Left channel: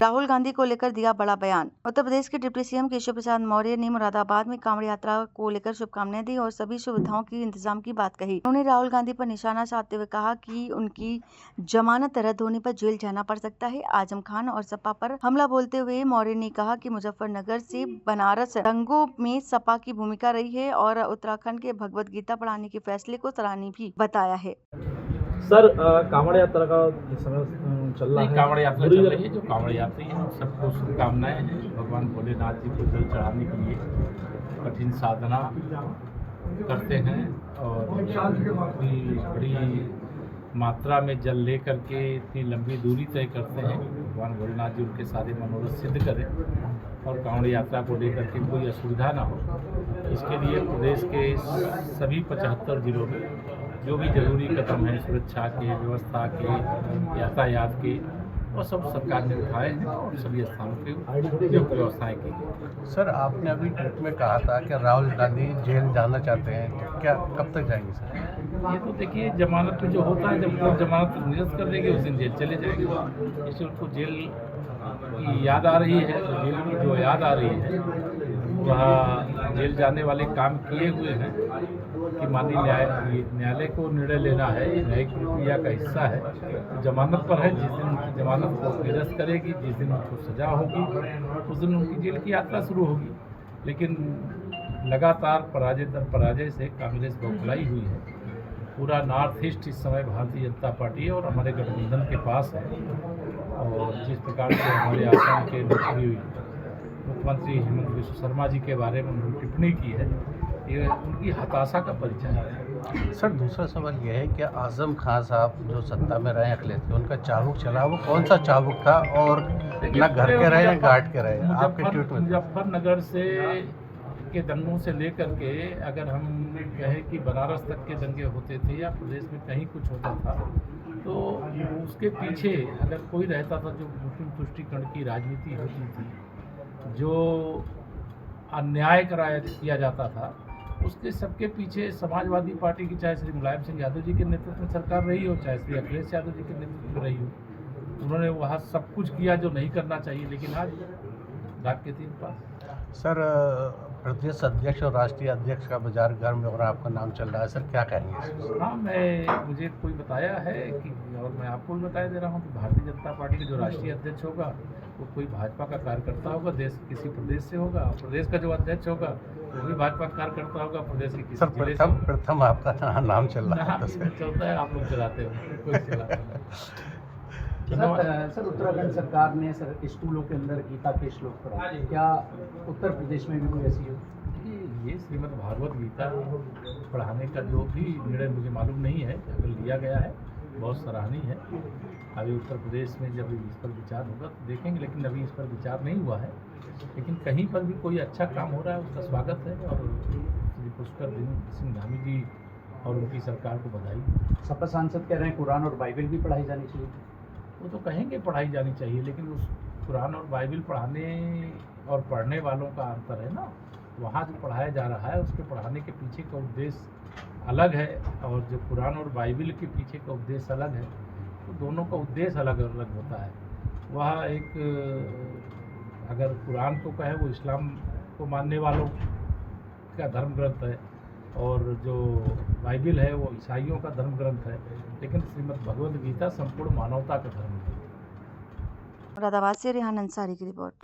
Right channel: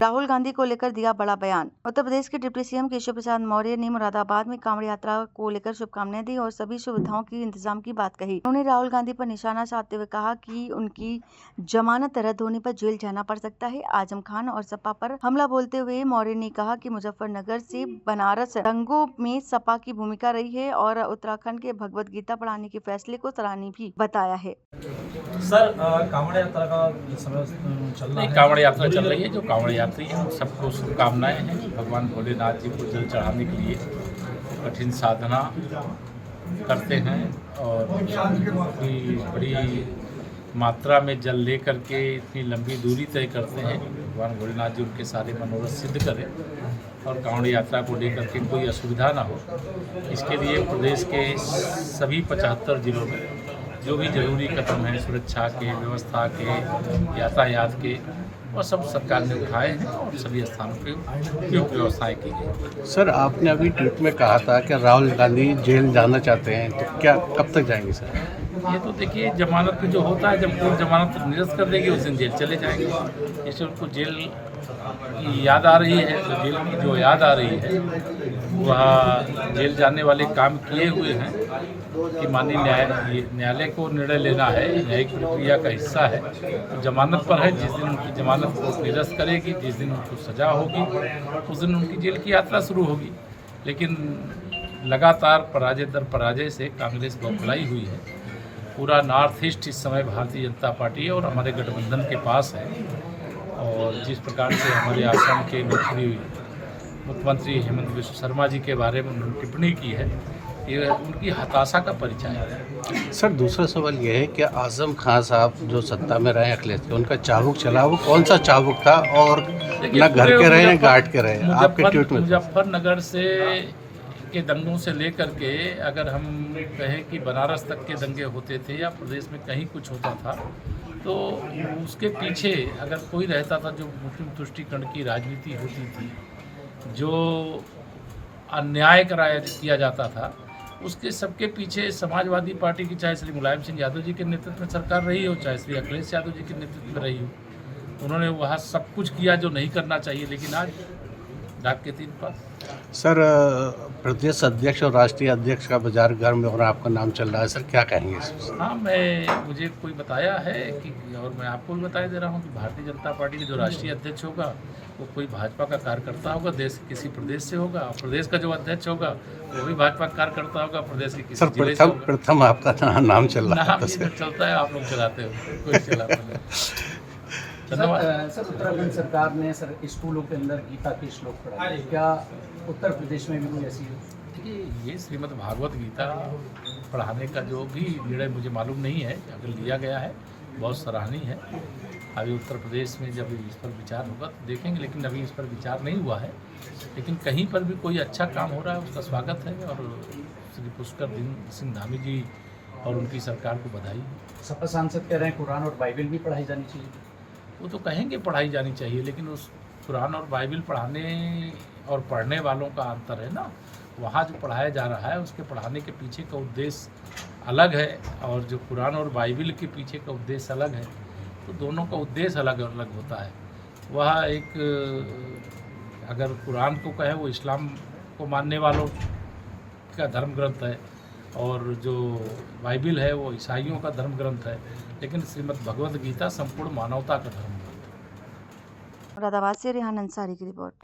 राहुल गांधी को लेकर दिया बड़ा बयान। उत्तर प्रदेश के डिप्टी सीएम केशव प्रसाद मौर्य ने मुरादाबाद में कांवड़ यात्रा को लेकर शुभकामनाएं दी और सभी सुविधाओं की इंतजाम की बात कही। उन्होंने राहुल गांधी पर निशाना साधते हुए कहा कि उनकी जमानत रद्द होने पर जेल जाना पड़ सकता है। आजम खान और सपा पर हमला बोलते हुए मौर्य ने कहा कि मुजफ्फरनगर से बनारस दंगों में सपा की भूमिका रही है और उत्तराखंड के भगवत गीता पढ़ाने के फैसले को सराहनीय भी बताया है। सर, कांवड़ यात्रा का समय चल रहा है। कांवड़ यात्रा चल रही है। जो कांवड़ यात्री हैं उन सबको शुभकामनाएं हैं। भगवान भोलेनाथ जी को जल चढ़ाने के लिए कठिन साधना करते हैं और इतनी बड़ी मात्रा में जल ले करके इतनी लंबी दूरी तय करते हैं। भगवान भोलेनाथ जी उनके सारे मनोरथ सिद्ध करें और कांवड़ यात्रा को लेकर के कोई असुविधा ना हो, इसके लिए प्रदेश के सभी 75 जिलों में जो भी जरूरी कदम हैं सुरक्षा के, व्यवस्था के, यातायात के, वो सब सरकार ने उठाए हैं और सभी स्थानों पे उपयुक्त व्यवस्थाएं की गई। सर, आपने अभी ट्वीट में कहा था कि राहुल गांधी जेल जाना चाहते हैं, तो क्या कब तक जाएंगे सर? ये तो देखिए, जमानत में जो होता है, जब कोर्ट जमानत निरस्त कर देगी उस दिन जेल चले जाएंगे। जैसे उनको जेल की याद आ रही है तो जेल की जो याद आ रही है वह जेल जाने वाले काम किए हुए हैं कि माननीय न्यायालय को निर्णय लेना है, न्यायिक प्रक्रिया का हिस्सा है। तो जमानत पर है, जिस दिन उनकी जमानत को निरस्त करेगी, जिस दिन उनको सजा होगी उस दिन उनकी जेल की यात्रा शुरू होगी। लेकिन लगातार पराजय दर पराजय से कांग्रेस बौखलाई हुई है। पूरा नॉर्थ ईस्ट इस समय भारतीय जनता पार्टी और हमारे गठबंधन के पास है और जिस प्रकार से हमारे आसाम के मुख्यमंत्री हेमंत बिस्व शर्मा जी के बारे में उन्होंने टिप्पणी की है, ये उनकी हताशा का परिचय है। सर, दूसरा सवाल ये है कि आजम खान साहब जो सत्ता में रहे अखिलेश के, उनका चाबुक चला, वो कौन सा चाबुक था और ना घर के रहे घाट के रहे? आपके ट्वीट में मुजफ्फरनगर से के दंगों से लेकर के अगर हम कहें कि बनारस तक के दंगे होते थे या प्रदेश में कहीं कुछ होता था तो उसके पीछे अगर कोई रहता था, जो मुस्लिम तुष्टीकरण की राजनीति होती थी, जो अन्याय किया जाता था, उसके सबके पीछे समाजवादी पार्टी की, चाहे श्री मुलायम सिंह यादव जी के नेतृत्व में सरकार रही हो, चाहे श्री अखिलेश यादव जी के नेतृत्व में रही हो, उन्होंने वहाँ सब कुछ किया जो नहीं करना चाहिए। लेकिन आज डाक के 3 पास। सर, प्रदेश अध्यक्ष और राष्ट्रीय अध्यक्ष का बाजार गर्म में और आपका नाम चल रहा है, सर क्या कहेंगे इसमें? हाँ, मुझे कोई बताया है कि, और मैं आपको भी बताया दे रहा हूँ कि भारतीय जनता पार्टी के जो राष्ट्रीय अध्यक्ष होगा वो कोई भाजपा का कार्यकर्ता होगा, देश के किसी प्रदेश से होगा। प्रदेश का जो अध्यक्ष होगा वो भी भाजपा का कार्यकर्ता होगा, प्रदेश के किसी जिले से होगा। प्रथम आपका नाम चल रहा है। नाम चलता है, आप लोग चलाते हो, कोई चलाता नहीं। धन्यवाद। सर, उत्तराखंड सरकार ने स्कूलों के अंदर गीता के श्लोक पढ़ाए, क्या उत्तर प्रदेश में भी कोई ऐसी? देखिए, ये श्रीमद् भागवत गीता पढ़ाने का जो भी निर्णय मुझे मालूम नहीं है, अगर लिया गया है बहुत सराहनीय है। अभी उत्तर प्रदेश में जब इस पर विचार होगा तो देखेंगे, लेकिन अभी इस पर विचार नहीं हुआ है। लेकिन कहीं पर भी कोई अच्छा काम हो रहा है उसका स्वागत है और श्री पुष्कर सिंह धामी जी और उनकी सरकार को बधाई। सपा सांसद कह रहे हैं कुरान और बाइबल भी पढ़ाई जानी चाहिए। वो तो कहेंगे पढ़ाई जानी चाहिए, लेकिन उस कुरान और बाइबल पढ़ाने और पढ़ने वालों का अंतर है ना। वहाँ जो पढ़ाया जा रहा है उसके पढ़ाने के पीछे का उद्देश्य अलग है और जो कुरान और बाइबल के पीछे का उद्देश्य अलग है, तो दोनों का उद्देश्य अलग अलग होता है। वह एक, अगर कुरान को कहें वो इस्लाम को मानने वालों का धर्म ग्रंथ है और जो बाइबल है वो ईसाइयों का धर्म ग्रंथ है, लेकिन श्रीमद् भगवद गीता संपूर्ण मानवता का धर्म ग्रंथ है। मुरादाबाद से रेहान अंसारी की रिपोर्ट।